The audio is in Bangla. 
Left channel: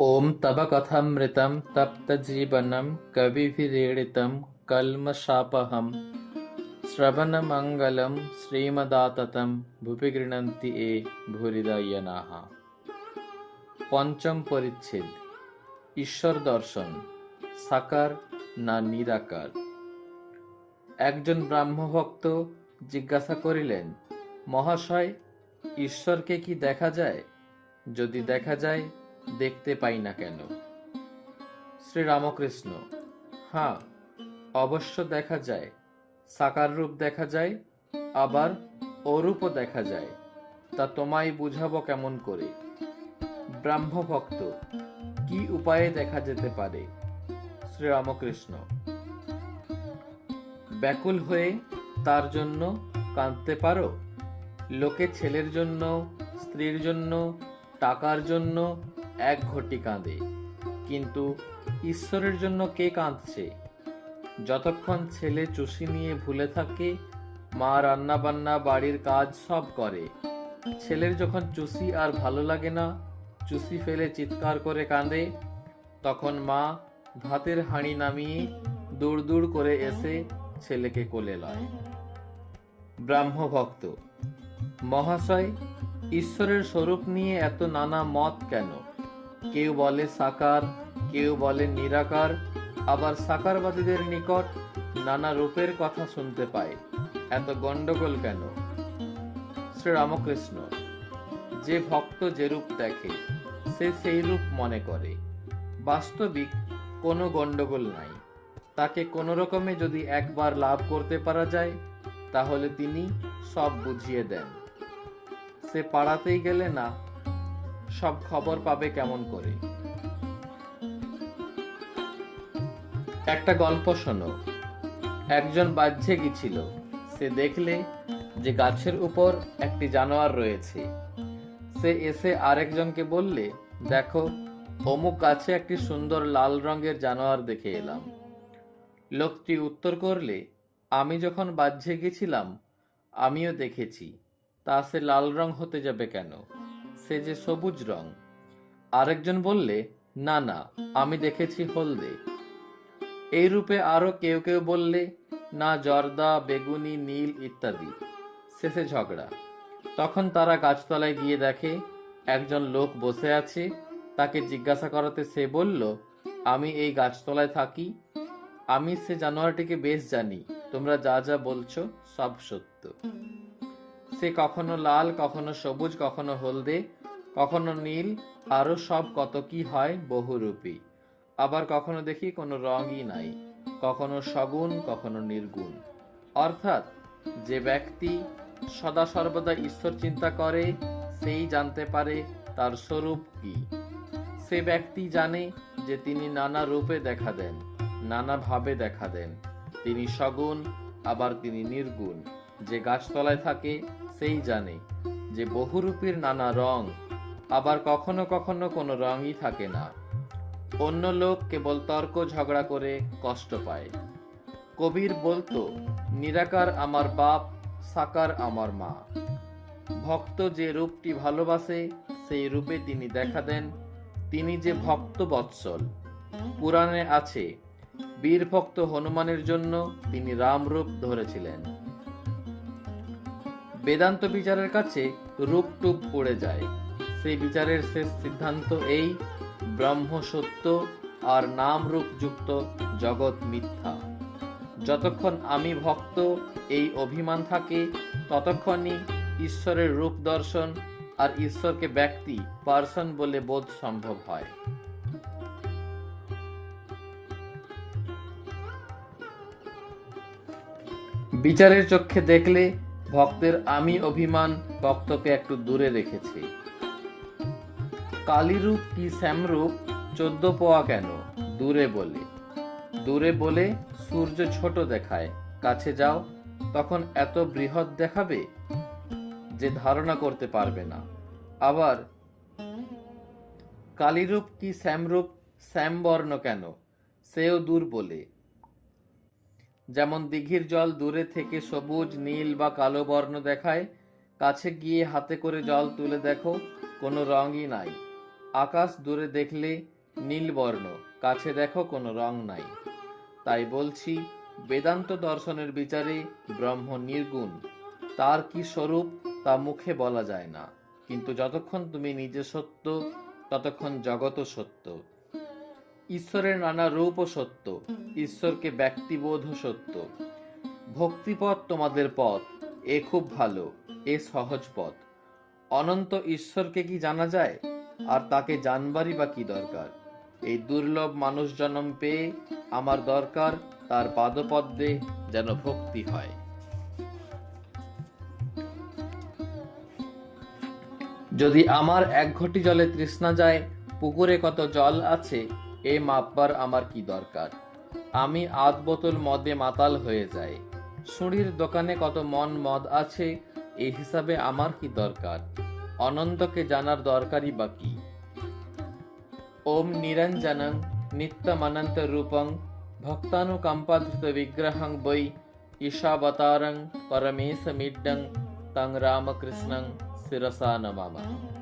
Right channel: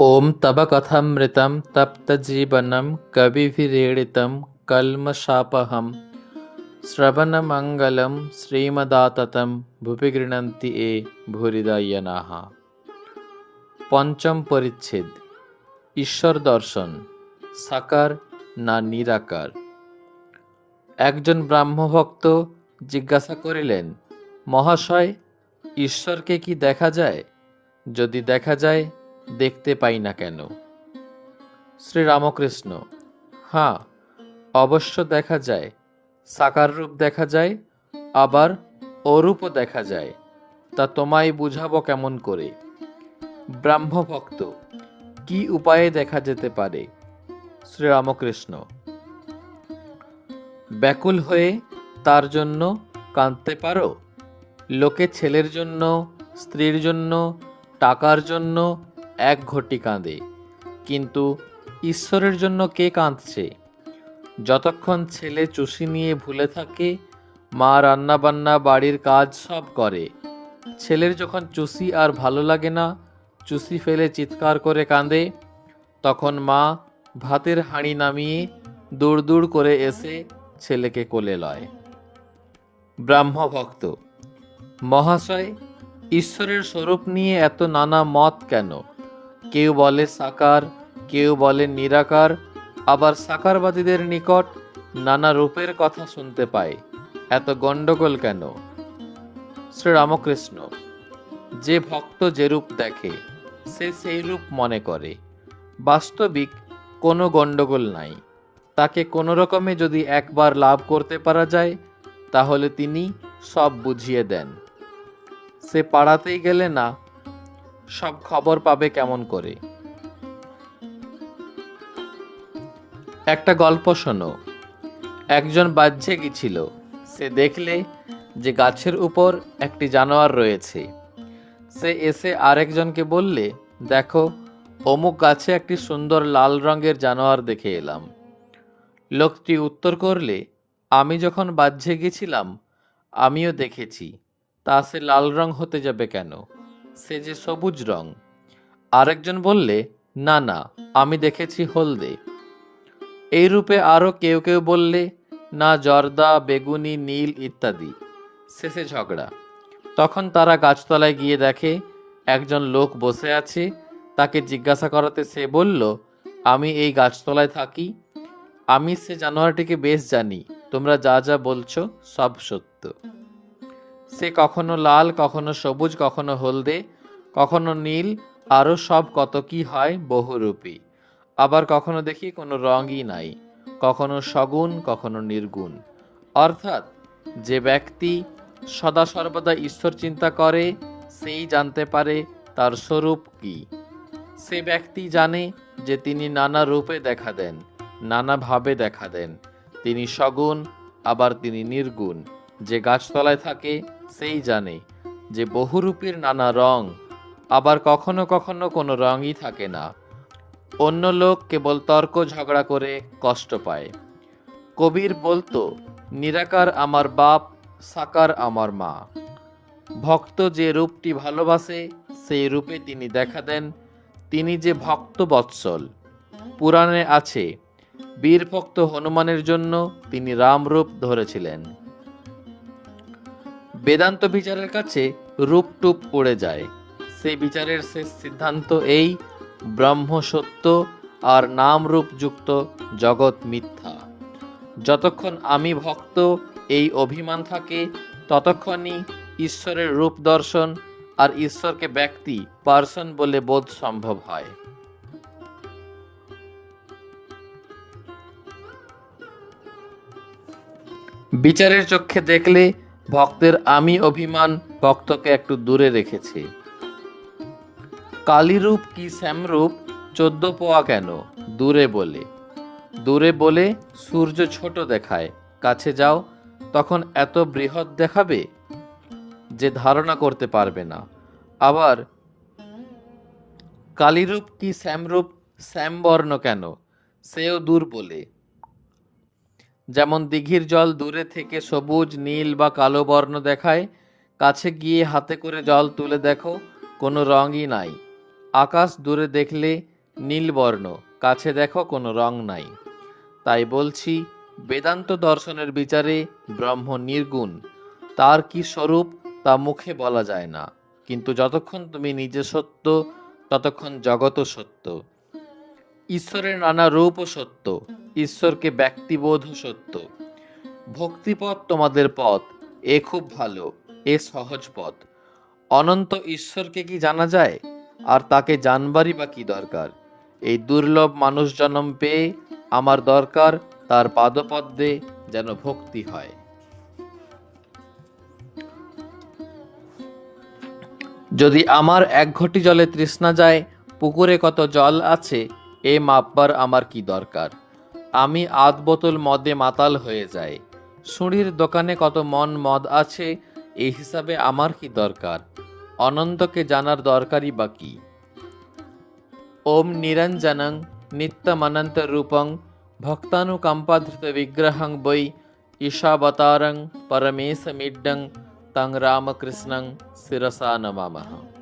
ॐ तव कथमृतं तप्तजीवनं कविभिरीडितं कल्मषापहं শ্রবণমঙ্গলম শ্রীমদাততম ভূপি গৃণন্তি এ ভূরিদয়নাহ পঞ্চম পরিচ্ছেদ ঈশ্বর দর্শন সাকার না নিরাকার একজন ব্রাহ্মভক্ত জিজ্ঞাসা করিলেন মহাশয় ঈশ্বরকে কি দেখা যায় যদি দেখা যায় দেখতে পাই না কেন? শ্রীরামকৃষ্ণ হ্যাঁ অবশ্য দেখা যায়। সাকার রূপ দেখা যায়, আবার অরূপও দেখা যায়। তা তোমায় বুঝাবো কেমন করে? ব্রাহ্মভক্ত, কি উপায়ে দেখা যেতে পারে? শ্রীরামকৃষ্ণ, ব্যাকুল হয়ে তার জন্য কাঁদতে পারো? লোকে ছেলের জন্য, স্ত্রীর জন্য, টাকার জন্য এক ঘটি কাঁদে। কিন্তু ঈশ্বরের জন্য কে কাঁদছে? যতক্ষণ ছেলে চুষি নিয়ে ভুলে থাকে, মা রান্নাবান্না, বাড়ির কাজ সব করে। ছেলের যখন চুষি আর ভালো লাগে না, চুষি ফেলে চিৎকার করে কাঁদে, তখন মা ভাতের হাঁড়ি নামিয়ে দূর দূর করে এসে ছেলেকে কোলে লয়। ব্রাহ্মভক্ত, মহাশয়, ঈশ্বরের স্বরূপ নিয়ে এত নানা মত কেন? কেউ বলে সাকার, কেউ বলে নিরাকার, আবার সাকারবাদীদের নিকট নানা রূপের কথা শুনতে পায়। এত গণ্ডগোল কেন? শ্রীরামকৃষ্ণ, যে ভক্ত যে রূপ দেখে, সে সেই রূপ মনে করে। বাস্তবিক কোনো গণ্ডগোল নাই। তাকে কোনো রকমে যদি একবার লাভ করতে পারা যায়, তাহলে তিনি সব বুঝিয়ে দেন। সে পাড়াতেই গেলে না সব খবর পাবে কেমন করে? একটা গল্প শোনো। একজন বাহ্যে গিয়েছিল সে দেখলে যে গাছের উপর একটি জানোয়ার রয়েছে। সে এসে আরেকজনকে বললে, দেখো, অমুক গাছে একটি সুন্দর লাল রঙের জানোয়ার দেখে এলাম। লোকটি উত্তর করলে, আমি যখন বাহ্যে গেছিলাম আমিও দেখেছি। তা সে লাল রং হতে যাবে কেন? সে যে সবুজ রং। আরেকজন বললে, না না, আমি দেখেছি হলদে। এই রূপে আরও কেউ কেউ বললে, না, জর্দা, বেগুনি, নীল ইত্যাদি। শেষে ঝগড়া। তখন তারা গাছতলায় গিয়ে দেখে, একজন লোক বসে আছে। তাকে জিজ্ঞাসা করাতে সে বলল, আমি এই গাছতলায় থাকি। আমি সে জানোয়ারটিকে বেশ জানি। তোমরা যা যা বলছো সব সত্য। সে কখনো লাল, কখনো সবুজ, কখনো হলদে, কখনো নীল আরও সব কত কি হয় বহুরূপী। আবার কখনো দেখি কোনো রঙই নাই, কখনো সগুণ, কখনো নির্গুণ। অর্থাৎ যে ব্যক্তি সদা সর্বদা ঈশ্বর চিন্তা করে, সেই জানতে পারে তার স্বরূপ কি। সে ব্যক্তি জানে যে তিনি নানা রূপে দেখা দেন, নানা ভাবে দেখা দেন। তিনি সগুণ, আবার তিনি নির্গুণ। যে গাছতলায় থাকে, সেই জানে যে বহুরূপীর নানা রং আবার কখনো কখনো কোনো রঙই থাকে না। অন্য লোক কেবল তর্ক ঝগড়া করে কষ্ট পায়। কবির বলতো, নিরাকার আমার বাপ, সাকার আমার মা। ভক্ত যে রূপটি ভালোবাসে, সেই রূপে তিনি দেখা দেন। তিনি যে ভক্ত বৎসল। পুরাণে আছে বীর ভক্ত হনুমানের জন্য তিনি রামরূপ ধরেছিলেন। বেদান্ত বিচারের কাছে রূপটুপ পড়ে যায়। সেই বিচারের শেষ সিদ্ধান্ত এই ব্রহ্ম সত্য আর নাম রূপ যুক্ত জগৎ মিথ্যা। যতক্ষণ আমি ভক্ত, এই অভিমান থাকে, ততক্ষণই ঈশ্বরের রূপ দর্শন আর ঈশ্বরকে ব্যক্তি, পার্সন বলে বোধ সম্ভব হয়। বিচারের চক্ষে দেখলে ভক্তের আমি অভিমান ভক্তকে একটু দূরে রেখেছে। কালীরূপ কি শ্যামরূপ? চোদ্দ পোয়া কেন? দূরে বলে। দূরে বলে সূর্য ছোট দেখায়। কাছে যাও, তখন এত বৃহৎ দেখাবে যে ধারণা করতে পারবে না। আবার, কালীরূপ কি শ্যামরূপ? শ্যামবর্ণ কেন? সেও দূর বলে। যেমন দিঘির জল দূরে থেকে সবুজ, নীল বা কালো বর্ণ দেখায়, কাছে গিয়ে হাতে করে জল তুলে দেখো, কোনো রঙই নাই। আকাশ দূরে দেখলে নীলবর্ণ কাছে দেখো, কোনো রং নাই। তাই বলছি, বেদান্ত দর্শনের বিচারে ব্রহ্ম নির্গুণ। তার কি স্বরূপ, তা মুখে বলা যায় না। কিন্তু যতক্ষণ তুমি নিজে সত্য, ততক্ষণ জগৎও সত্য। ঈশ্বরের নানা রূপও সত্য, ঈশ্বরকে ব্যক্তিবোধ ও সত্য। ভক্তিপথ তোমাদের পথ, এ খুব ভালো, এ সহজ পথ। অনন্ত ঈশ্বরকে কি জানা যায়? আর তাকে জানবারই বা কি দরকার? এই দুর্লভ মানুষ জন্ম পেয়ে আমার দরকার তার পাদপদ্মে যেন ভক্তি হয়। যদি আমার এক ঘটি জলে তৃষ্ণা যায়, পুকুরে কত জল আছে এ মাপবার আমার কি দরকার? আমি আধ বোতল মদে মাতাল হয়ে যাই। সুঁড়ির দোকানে কত মন মদ আছে এই হিসাবে আমার কি দরকার? অনন্তকে জানার দরকারই বা কি? ওম নিরঞ্জনং নিত্যমানন্ত রূপং ভক্তানুকম্পাধৃত বিগ্রহং বৈ ঈশাবতারং পরমেশ মিড্ডং তং রামকৃষ্ণং শিরসা নমামः।